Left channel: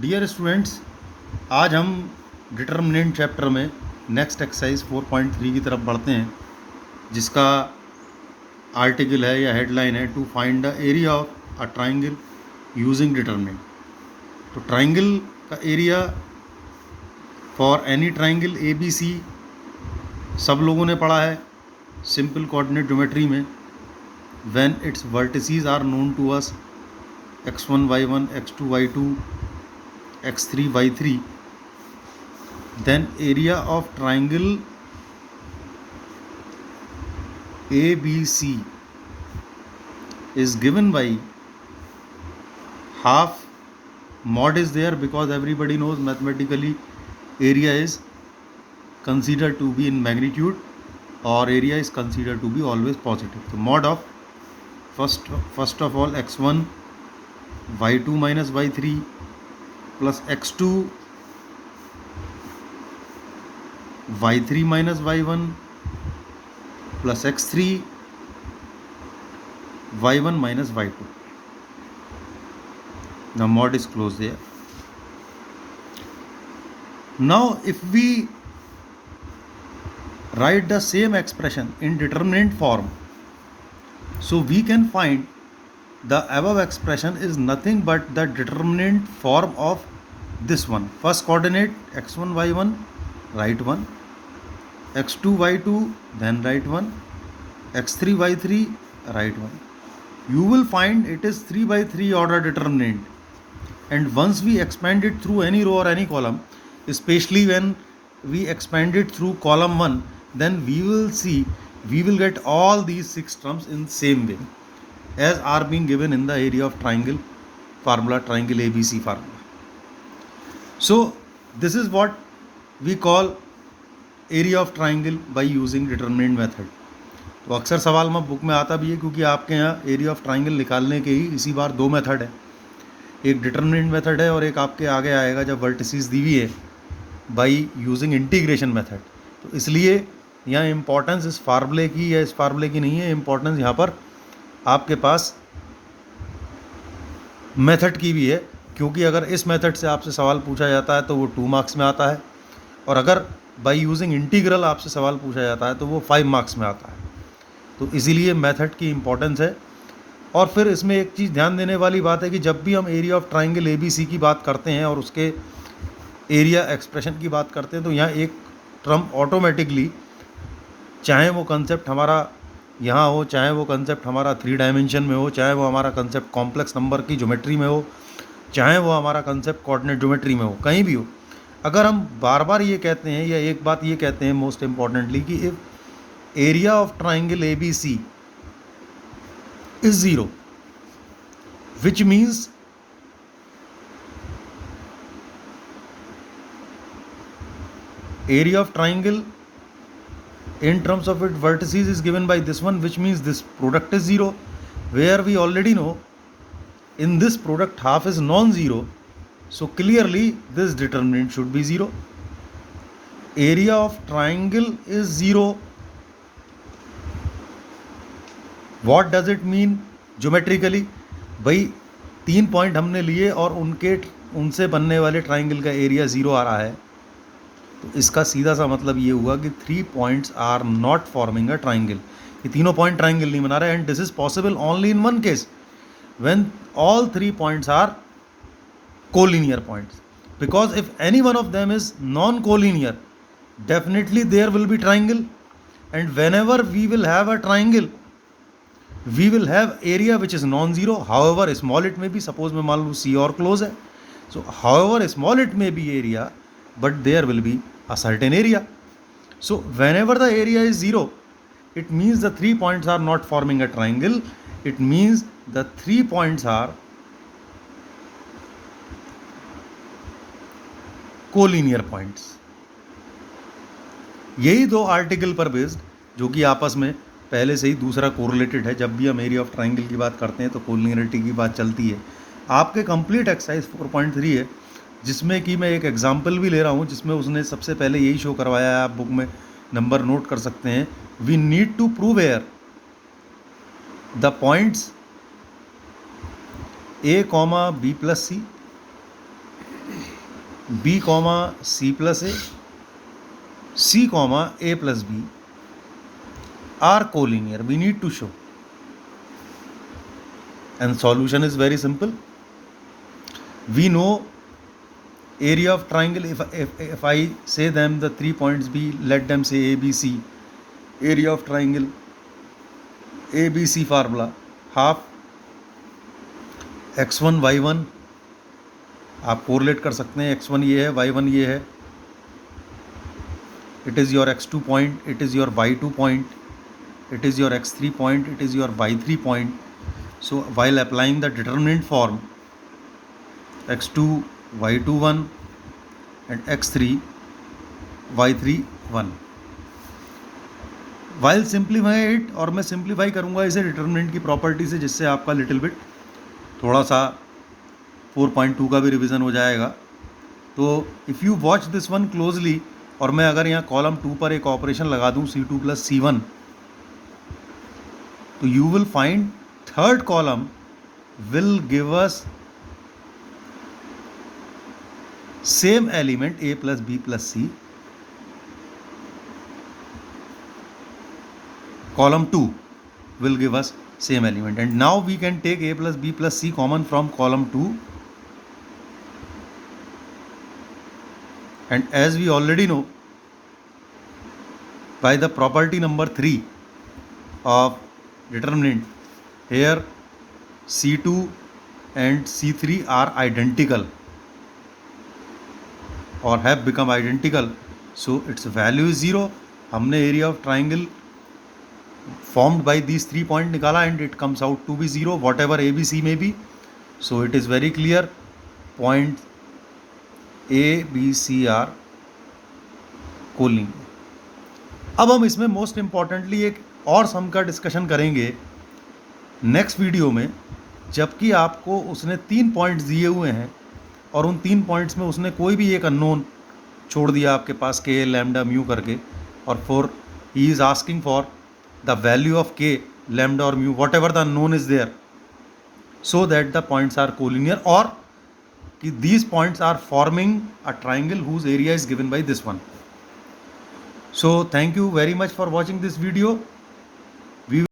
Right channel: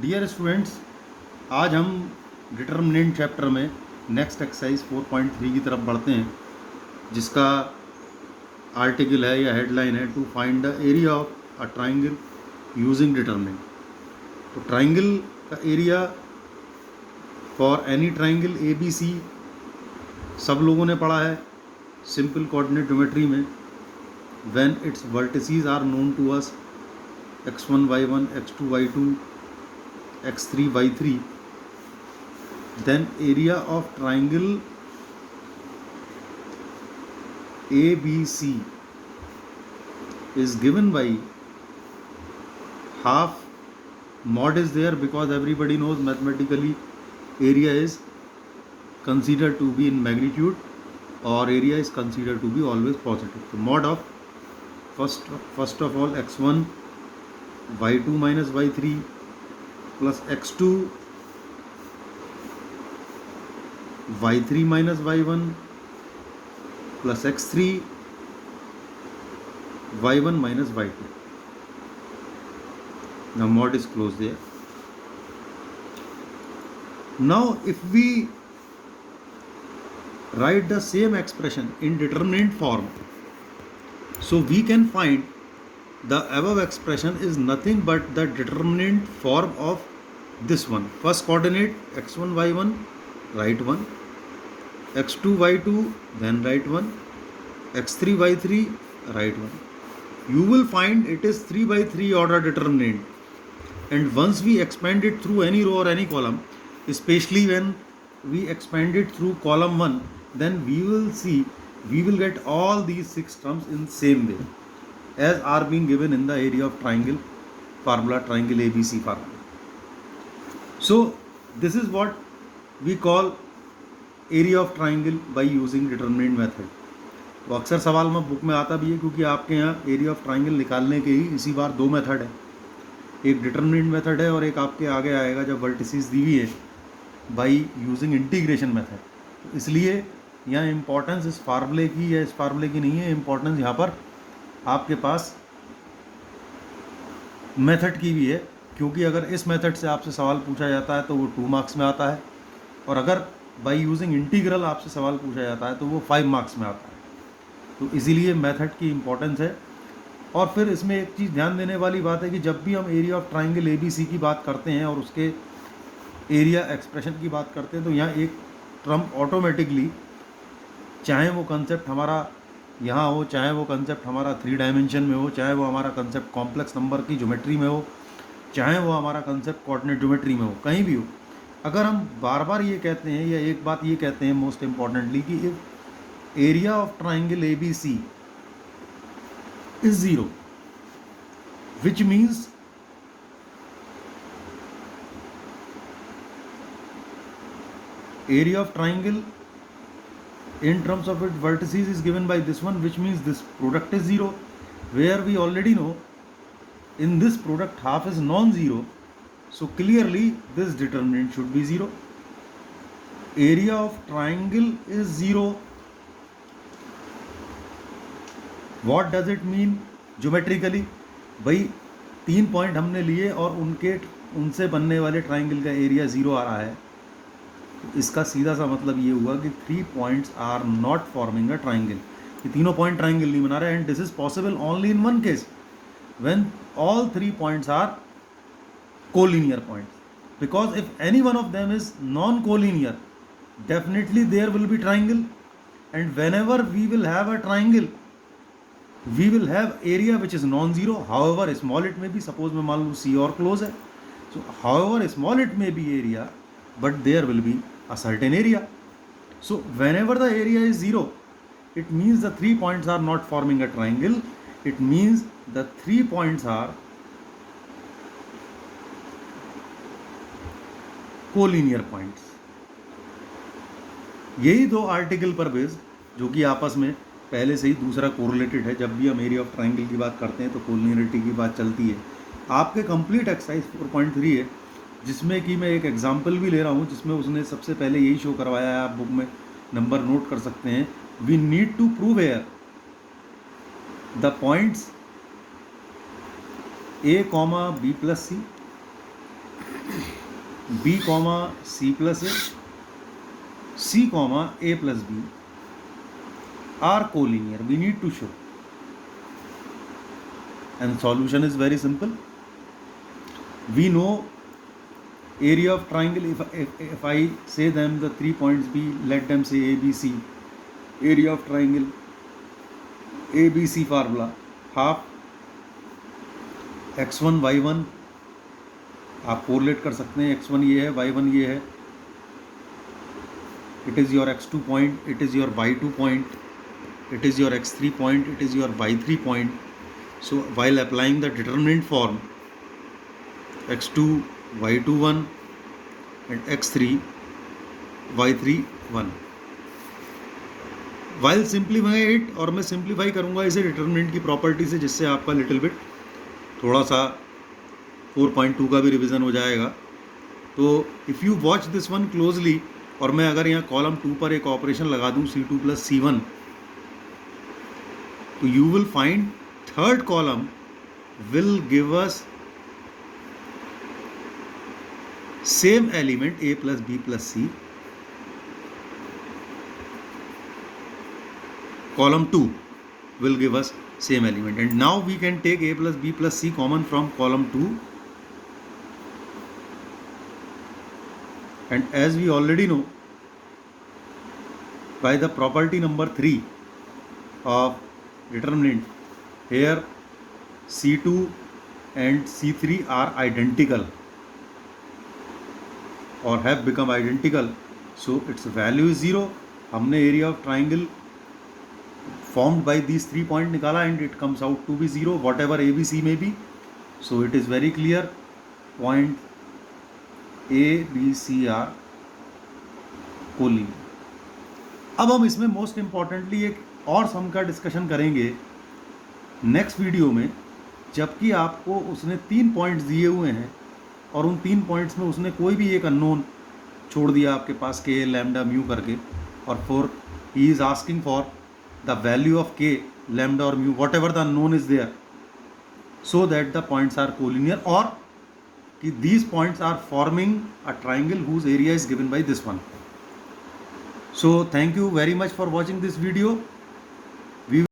Dear students, आज हम determinant chapter में नेक्स्ट एक्सरसाइज 4.3 की तरफ बढ़ते हैं, जिसका आर्टिकल है या हेडलाइन है to find the area of a triangle using determinant. तो ट्राइंगल का area for any triangle A B C सब लोगों ने पढ़ा है सिंपल कोऑर्डिनेट ज्योमेट्री में। When its vertices are known to us x1 y1 x2 y2 x3 y3, then area of triangle ABC is given by half. Mod is there because everybody knows mathematically area is considered to be in magnitude or area is considered to be always positive. So mod of first of all x1 y2 minus y3 plus x2 y3 minus y1 plus x3 y1 minus y2. The mod is closed there. Now if we write the same expression in determinant form, so we can find the above expression is nothing but the determinant form of this one. First coordinate x1 y1, write 1, x2 y2, then write 1, x3 y3, write 1. You will find it is 3 by 3 order determinant, and once we expand it through any row or any column, especially when we expand it through column 1, then we will see we will get all these 6 terms in same way as are being given in the area of triangle formula, triangle ABC formula. So this is what we call area of triangle by using determinant method. तो अक्सर सवाल में book में आता भी है, क्योंकि आपके यहाँ एरिया ऑफ ट्राइंगल निकालने के ही इसी बार 2 मेथड है, एक डिटर्मिनेंट मेथड है और एक आपके आगे आएगा जब वर्टिसेस दी हुई है बाय यूजिंग इंटीग्रेशन मेथड। तो इसलिए यहाँ इम्पोर्टेंस इस फार्मूले की या इस फार्मूले की नहीं है, इम्पोर्टेंस यहाँ पर आपके पास मेथड की भी है, क्योंकि अगर इस मेथड से आपसे सवाल पूछा जाता है तो वो 2 मार्क्स में आता है, और अगर बाय यूजिंग इंटीग्रल आपसे सवाल पूछा जाता है तो वो 5 मार्क्स में आता है। तो इसीलिए मेथड की इम्पोर्टेंस है। और फिर इसमें एक चीज़ ध्यान देने वाली बात है कि जब भी हम एरिया ऑफ ट्राइंगल ABC की बात करते हैं और उसके एरिया एक्सप्रेशन की बात करते हैं, तो यहाँ एक टर्म ऑटोमेटिकली, चाहे वो कंसेप्ट हमारा यहाँ हो, चाहे वो कंसेप्ट हमारा 3 डायमेंशन में हो, चाहे वो हमारा कंसेप्ट कॉम्प्लेक्स नंबर की ज्योमेट्री में हो, चाहे वो हमारा कंसेप्ट कोऑर्डिनेट ज्योमेट्री में हो, कहीं भी हो, अगर हम बार बार ये कहते हैं या एक बात ये कहते हैं मोस्ट इम्पॉर्टेंटली कि if area of triangle ABC is 0, which means area of triangle in terms of its vertices is given by this one, which means this product is 0, where we already know in this product half is non-zero, so clearly this determinant should be 0. Area of triangle is 0. What does it mean geometrically? भाई 3 point हमने लिए और उनसे बनने वाले triangle का area 0 आ रहा है, तो इसका सीधा सा मतलब ये हुआ कि 3 points are not forming a triangle. ये तीनों पॉइंट ट्राइंगल नहीं बना रहे, and this is possible only in one case, when all 3 points are collinear points, because if any one of them is non collinear, definitely there will be triangle, and whenever we will have a triangle we will have area which is non-zero, however small it may be. Suppose मैं मान लूँ C और close है, so however small it may be area, but there will be a certain area. So whenever the area is 0, it means the 3 points are not forming a triangle. It means the 3 points are collinear points. यही 2 article पर based, जो कि आपस में पहले से ही दूसरा correlated है। जब भी हम एरिया ऑफ ट्राइंगल की बात करते हैं तो कोलिनियरिटी की बात चलती है। आपके कंप्लीट एक्सरसाइज 4.3 है, जिसमें कि मैं एक एग्जांपल भी ले रहा हूँ, जिसमें उसने सबसे पहले यही शो करवाया है। आप बुक में नंबर नोट कर सकते हैं। We need to prove here the points A, B plus C B comma C plus A, C comma A plus B are collinear. We need to show. And solution is very simple. We know area of triangle. If I say them the 3 points B, let them say ABC. Area of triangle ABC formula half x1 y1. आप correlate कर सकते हैं, x1 ये है, y1 ये है. It is your x2 point, it is your y2 point, it is your x3 point, it is your y3 point. So while applying the determinant form, x2 y2 1 and x3 y3 1. While simplify it, और मैं simplify करूँगा इसे determinant की property से, जिससे आपका little bit थोड़ा सा 4.2 का भी रिवीजन हो जाएगा. तो if you watch this one closely, और मैं अगर यहाँ कॉलम 2 पर एक ऑपरेशन लगा दूँ C2 प्लस C1, तो you will find third column will give us same element A plus B plus C. Column 2 will give us same element, and now we can take A plus B plus C common from column 2, and as we already know by the property number 3 of determinant, here C2 and C3 are identical or have become identical, so its value is 0. हमने area of triangle formed by these 3 points निकाला, and it comes out to be 0 whatever ABC may be. So it is very clear, point A B C are collinear. अब हम इसमें most importantly एक और सम का discussion करेंगे next video में, जबकि आपको उसने 3 पॉइंट्स दिए हुए हैं और उन 3 पॉइंट्स में उसने कोई भी एक अननोन छोड़ दिया आपके पास k लैम्डा म्यू करके, और for he is asking for the value of k, lambda or mu, whatever the unknown is there, so that the points are collinear, or these points are forming a triangle whose area is given by this one. So thank you very much for watching this video.